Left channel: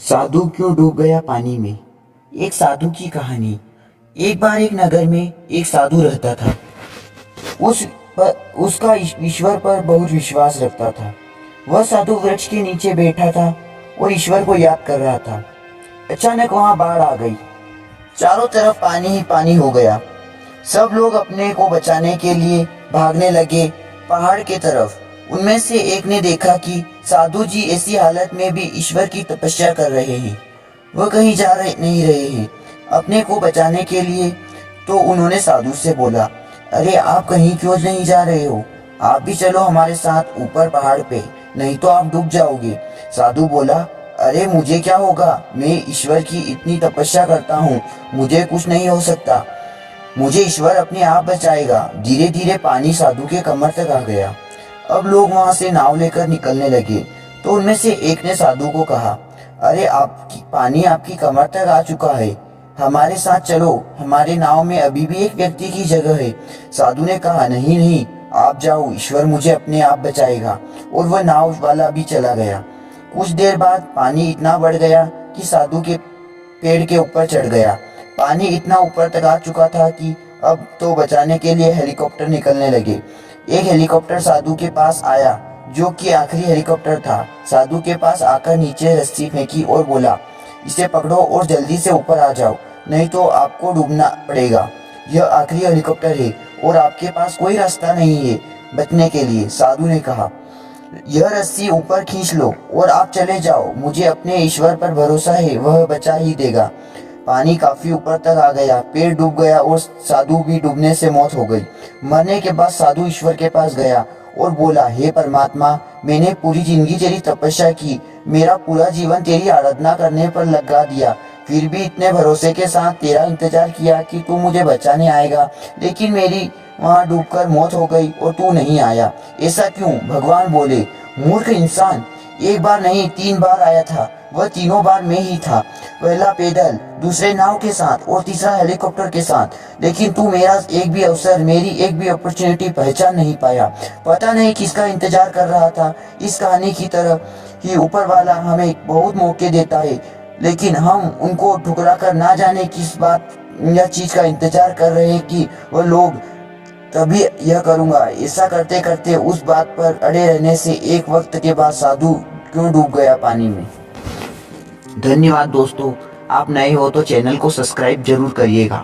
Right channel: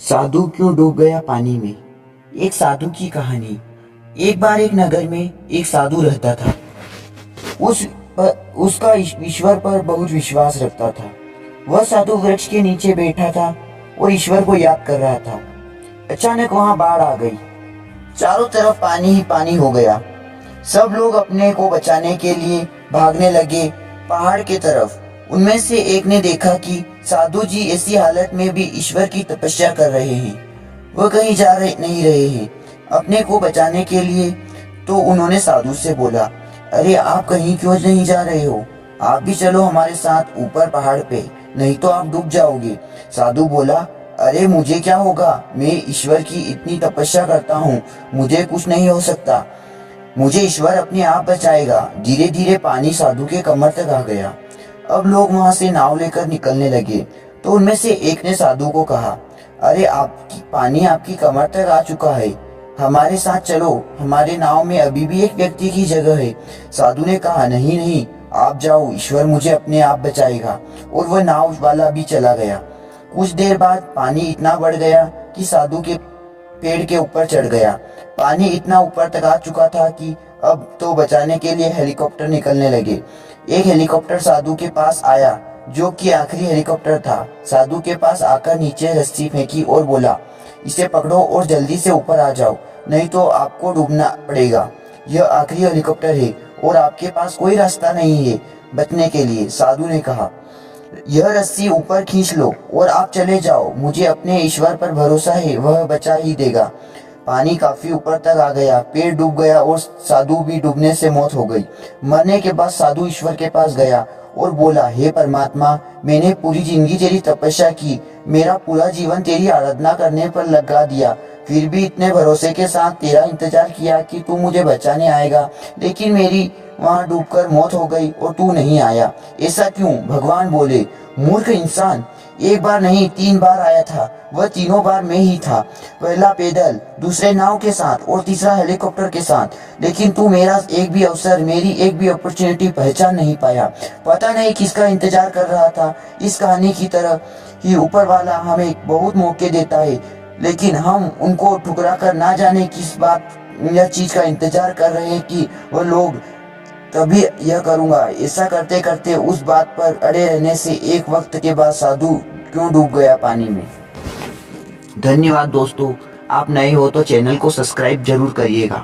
साधु क्यों डूब गया पानी में। एक साधु की कहानी। एक बार एक नगर में एक साधु रहता था। उसका ईश्वर पर बहुत विश्वास रखता था। वह साधु वृक्ष के नीचे बैठा था और ईश्वर को याद कर रहा था। अचानक वहां बाढ़ आ गई। चारों तरफ पानी ही पानी हो गया। सब लोग अपने को बचाने के लिए भागने लगे पहाड़ की तरफ। उनमें से एक ने देखा कि साधु जी ऐसी हालत में भी ईश्वर की तपस्या कर रहे हैं। वह कहीं नहीं रहे हैं अपने को बचाने के लिए। तो उन्होंने साधु से बोला, अरे आप कहीं क्यों नहीं जा रहे हो? आप भी चलो हमारे साथ ऊपर पहाड़ पे, नहीं तो आप डूब जाओगे। साधु बोला, अरे मुझे क्या होगा, मैं ईश्वर की इतनी तपस्या करता हूँ, मुझे कुछ नहीं हो सकता, मुझे ईश्वर अपने आप बचाएगा। धीरे धीरे पानी साधु के कमर तक आ गया। अब लोग वहां से नाव लेकर निकलने लगे तो उनमें से एक ने साधु को कहा, अरे आपकी पानी आपकी कमर तक आ चुका है, हमारे साथ चलो, हमारे नाव में अभी भी एक व्यक्ति की जगह है। साधु ने कहा, नहीं नहीं, आप जाओ, ईश्वर मुझे अपने आप बचाएगा। और वह नाव वाला भी चला गया। कुछ देर बाद पानी इतना बढ़ गया कि साधु के पेड़ के ऊपर चढ़ गया। पानी इतना ऊपर तक आ चुका था कि अब तो बचाने के लिए हेलीकॉप्टर निकलने लगे। एक हेलीकॉप्टर साधु के पास आया, जो कि आखिरी हेलीकॉप्टर था। साधु के पास आकर नीचे रस्सी फेंकी और बोला, इसे पकड़ो और जल्दी से ऊपर आ जाओ, नहीं तो आपको डूबना पड़ेगा। यह आखिरी हेलीकॉप्टर है और आपके पास कोई रास्ता नहीं है बचने के लिए। साधु ने कहा, यह रस्सी ऊपर खींच लो और आप चले जाओ, मुझे अपने ईश्वर पर भरोसा है, वह बचा ही देगा। पानी काफी ऊपर तक आ गया, पेड़ डूब गया और साधु भी डूबने से मौत हो गई। मरने के बाद साधु ईश्वर के पास गया और बोला, हे परमात्मा, मैंने पूरी जिंदगी तेरी तपस्या की, मेरा पूरा जीवन तेरी आराधना करने पर लगा दिया, फिर भी इतने भरोसे के साथ तेरा इंतजार किया कि तू मुझे बचाने आएगा, लेकिन मेरी वहां डूबकर मौत हो गई और तू नहीं आया, ऐसा क्यों? भगवान बोले, मूर्ख इंसान, एक बार नहीं 3 बार आया था, वह तीनों बार मैं ही था। पहला पैदल, दूसरे नाव के साथ और तीसरा हेलीकॉप्टर के साथ, लेकिन तू मेरा एक भी अवसर, मेरी एक भी अपॉर्चुनिटी पहचान नहीं पाया। पता नहीं किसका इंतजार कर रहा था। इस कहानी की तरह ही ऊपर वाला हमें बहुत मौके देता है, लेकिन हम उनको ठुकरा कर ना जाने किस बात या चीज का इंतजार कर रहे हैं कि वह लोग तभी यह करूंगा। ऐसा करते करते उस बात पर अड़े रहने से एक वक्त के बाद साधु क्यों डूब गया पानी में। धन्यवाद दोस्तों, आप नए हो तो चैनल को सब्सक्राइब जरूर करिएगा।